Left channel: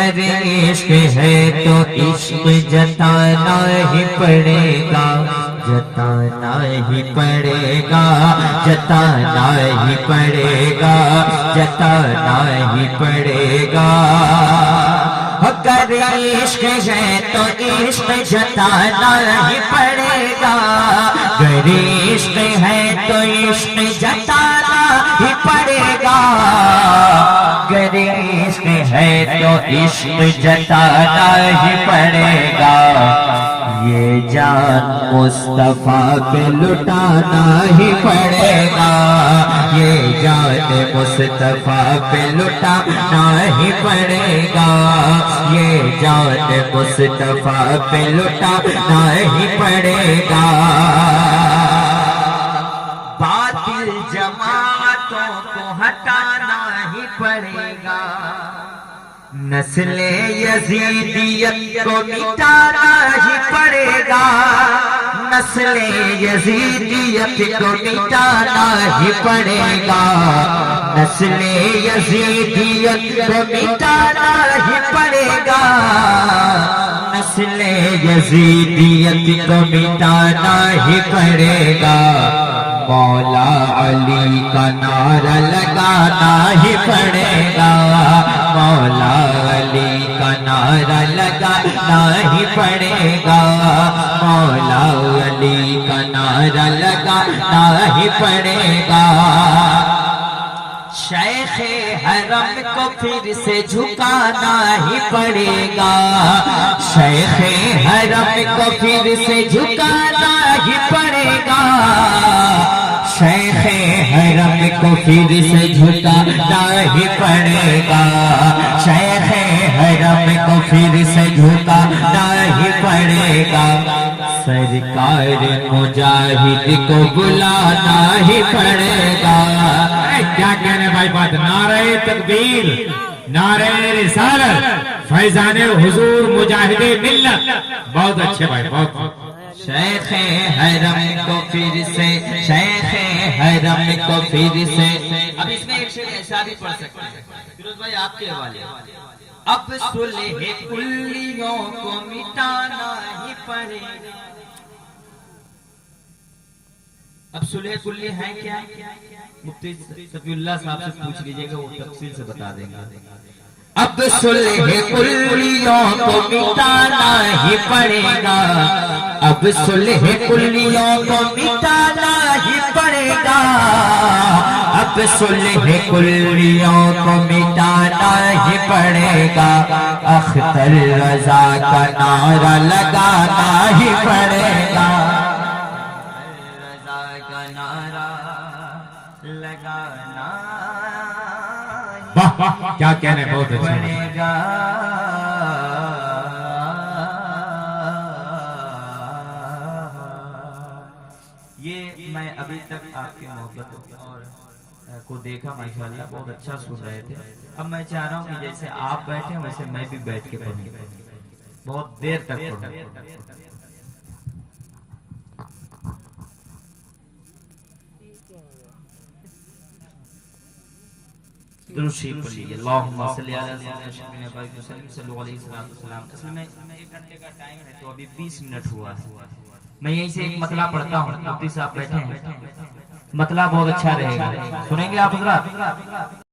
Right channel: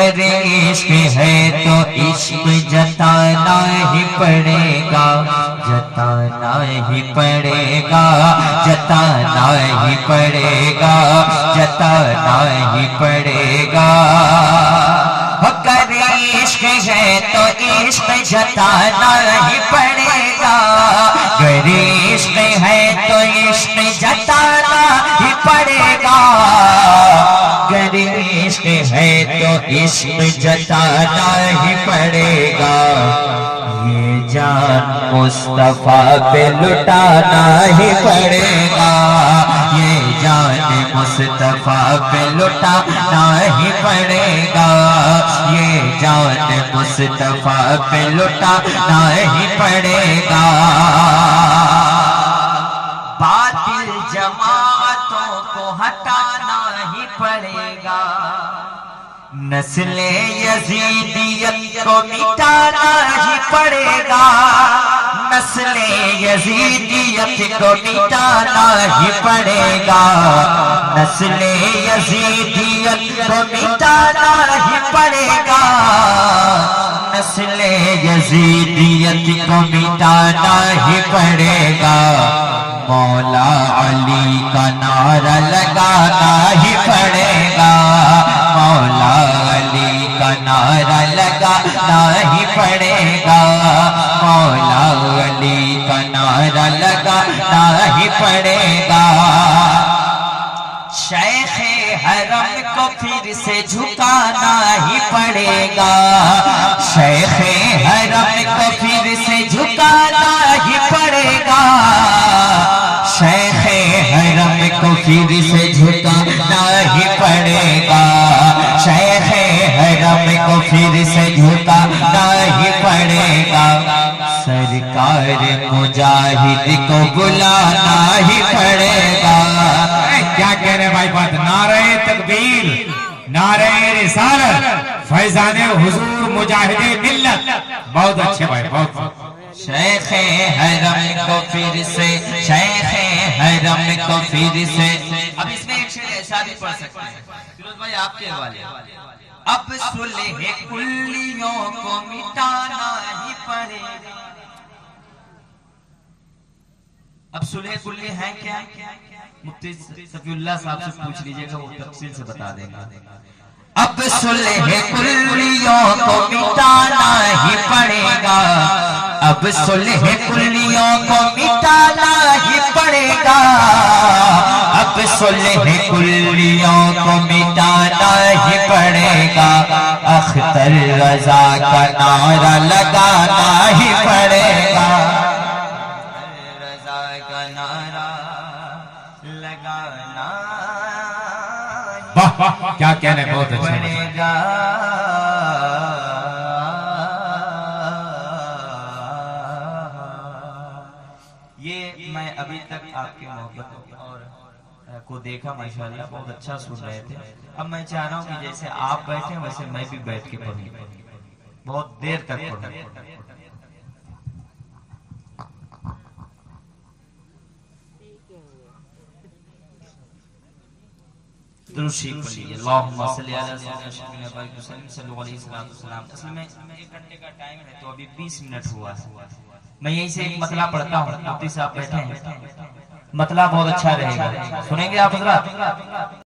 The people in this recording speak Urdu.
گر عشق ہے تو عشق جتانا ہی پڑے گا، جتانا ہی پڑے گا، جتانا ہی پڑے گا، جتانا ہی پڑے گا۔ گر عشق ہے تو عشق جتانا ہی پڑے گا، گر عشق ہے تو عشق جتانا ہی پڑے گا، گر عشق ہے تو عشق جتانا ہی پڑے گا۔ یہ جان مصطفیٰ پہ لٹانا ہی پڑے گا، یہ جان مصطفیٰ پہ لٹانا ہی پڑے گا، یہ جان مصطفیٰ پہ لٹانا ہی پڑے گا۔ باطل جماعتوں کو ہٹانا ہی پڑے گا، نسل یزیدیت کو مٹانا ہی پڑے گا، نسل یزیدیت کو مٹانا ہی پڑے گا، نسل یزیدیت کو مٹانا ہی پڑے گا، نسل یزیدیت کو مٹانا ہی پڑے گا۔ مولا علی کا نعرہ لگانا ہی پڑے گا، مولا علی کا نعرہ لگانا ہی پڑے گا، مولا علی کا نعرہ لگانا ہی پڑے گا۔ شیخ حرم کو پھر سے جھکانا ہی پڑے گا، شیخ حرم کو پھر سے جھکانا ہی پڑے گا، شیخ حرم کو پھر سے جھکانا ہی پڑے گا، شیخ حرم کو پھر سے جھکانا ہی پڑے گا، سرکار مجاہد کو بلانا ہی پڑے گا۔ کیا کہہ رہے بھائی بات؟ نعرہ تکبیر، نعرہ رسالت، فیضان حضور مجاہد ملت۔ بہت اچھے بھائی، بہت۔ شیخ حرم کو پھر سے، شیخ حرم کو پھر سے۔ اب اس میں ایک شعر ایسا بھی پڑھ سکتے ہیں فیروز بھائی آپ کے حوالے، اب صلح کلیوں کو مٹانا ہی پڑے گا۔ اب صلح کلی ہے کیا؟ مفتی صفی اللہ صاحب سے پوچھ لیجئے گا، وہ تفصیل سے بتا دیں گا۔ اب صلح کلیوں کو مٹانا ہی پڑے گا، اب صلح کلیوں کو مٹانا ہی پڑے گا، اب صلح کلیوں کو مٹانا ہی پڑے گا، اختر رضا کا نعرہ لگانا ہی پڑے گا، رضا کا نعرہ لگانا واہ واہ، کیا کہہ رہے ہیں، بہت اچھا۔ پڑے گا۔ یہ میں ابھی تک آپ کی محبت اور کو دیکھا، ماشاءاللہ بہت اچھا سن رہے تھے۔ اب میں چاہ رہا ہوں کہ جیسے آپ بیٹھیں ویسے میں بھی بیٹھ کے پڑھوں، بہت دیر تک پڑھوں۔ درود شریف پڑھیے، اللہم صلی علی سیدنا محمد وسلم، صلو علیہ وسلم۔ اصل میں 1 گھنٹے کا ٹائم ہے تو ابھی 20 منٹ ہوا ہے۔ میں یہیں سے ایک مطلع پڑھتا ہوں، مفتی صاحب بیٹھے ہیں، مطلع بہت اچھا رہے گا، سنیں گے آپ حضرات؟